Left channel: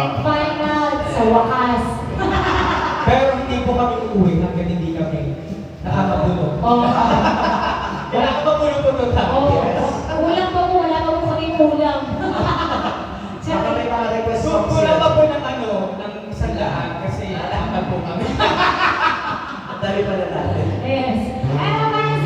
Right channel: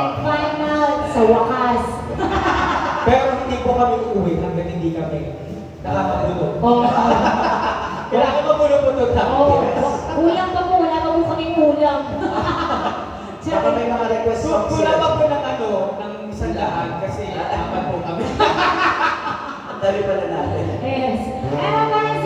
And final, sa wakas. Pero hindi po kami uuwi hanggang hindi kami nakakabulog. Kailangan mabulog-bulog lang. Kulang pa po, wala pa po kami kulang. Baka may mga request So, from kulang sila. pa po ng ng sandaan kasi dapat po kami. Ang dami pala natin. Yes. Ay, mga fans,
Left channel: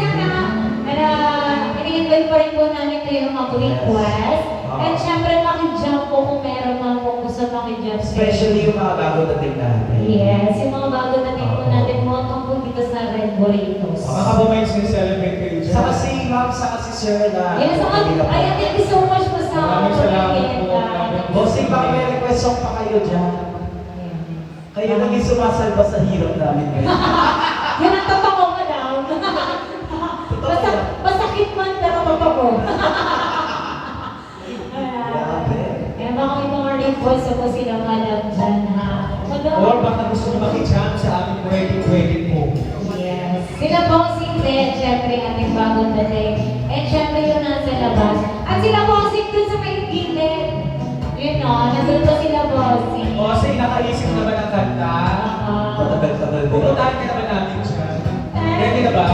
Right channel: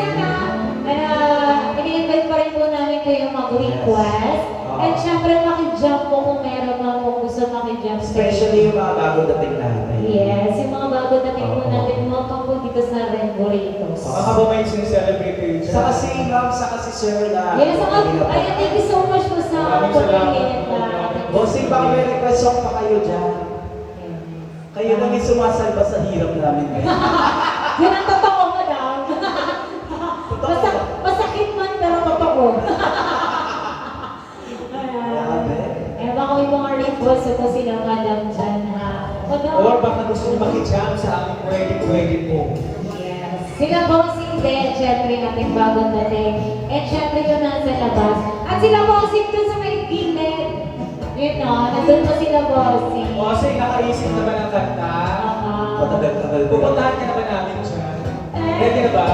ini-invite pa rin po namin kayo ng mga request. And syempre, makijump po kung meron mga po gusto makijump. Especially yung mga bagong dating natin. Yes, yung mga bago natin po natin motong po dito sa Red Burritos. Baka po may sincelebrate kayo dyan. Saka si Ma'am, saka si Sir na. Yes, so, ayan, thank you so much po sa Maraming salamat po. Bossing, baka may request song pa kayo dyan. Kayo naging sumasalba sa hirap namin ngayon. Yun ang totoo mo lang. Masakit man, pero totoo. Grabe. Kaya baka may mga request po sila alam dyan ha. Or baka gusto nyo makijump sa aming pwede po. Yes. Sila bossing din, syempre ating bagong dating. And syempre yun nasa labas. At sila bossing dun sa may gilid. Yun o, nandun pa sila bossing. O kasi nakaisip naman ang kanta. Matagal-tagal din. Pupuntahan ka naman namin dyan. Ready na ba?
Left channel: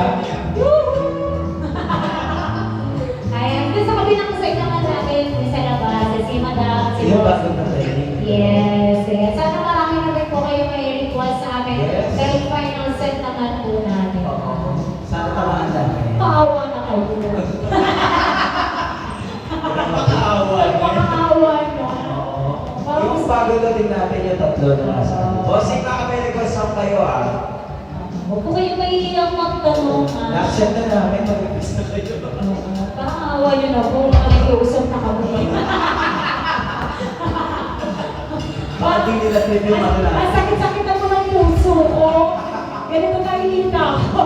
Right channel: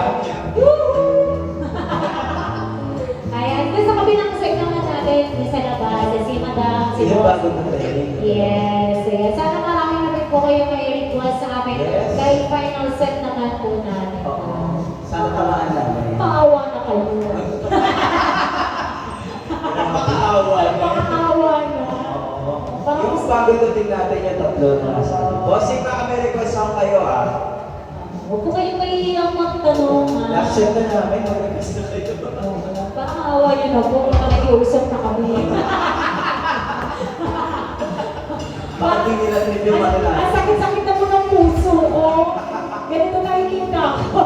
Ayan, dun sa kabilang side naman natin sa labas, si Madam, si Yung Boss. bagong dating. Yes, yes. Sana marami naman po kayo may request sa amin. Yes. Dahil final set naman po namin. Oo. Sana tamaan namin. Maawa na kayo. Makaawa. Maawa na. Oo. Yung bagong dating natin yung tatlo na. Bossing, baka may request song kayo ah. Huwag po kayong mahihilang magtanong. Accept na namin, mag-request na kayo. Parang awa nyo na po. Nakikiusap na kami. Baka di nila pwede yung mga lahat. Ang sakit-sakit na po ng puso ko. Ganito nahihina ako.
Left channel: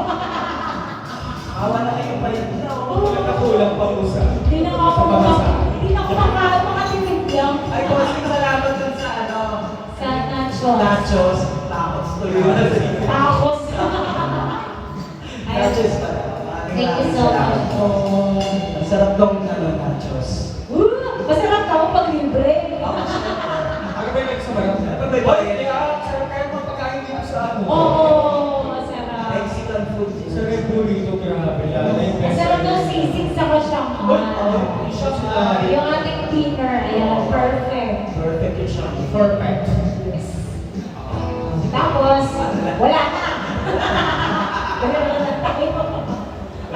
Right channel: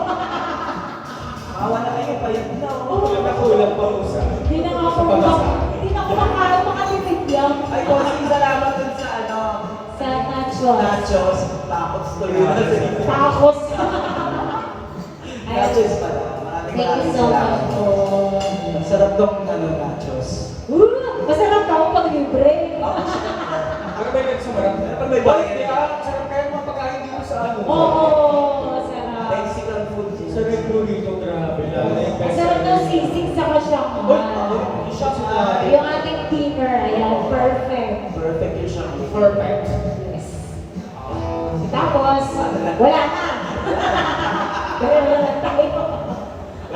Awa na kayo, bayad na. Magkakulang pa usa. Hindi na ako hindi na ako makatipid lang. Ay, bossing, salamat dun sa ano. Sa nachos. Nachos. Takot tuloy na sila. Takos. Nachos pala. Thank you so much po. Masarap tong ano, nachos. Masarap ako pag libre. Ano ba yung nagsumarap? Kapag may Boy, bayad. hindi ka. Sarap kayo magpakain dito sa ano. Oo, masarap. Mexican food. Sa Red Burrito, grabe. Lalo na yung Masarap ng sisig sa Shanghai. Shots na. Yung ating dinner, ayan, perfect. Perfect yung siya. Perfect. Yes. Tapos, wala na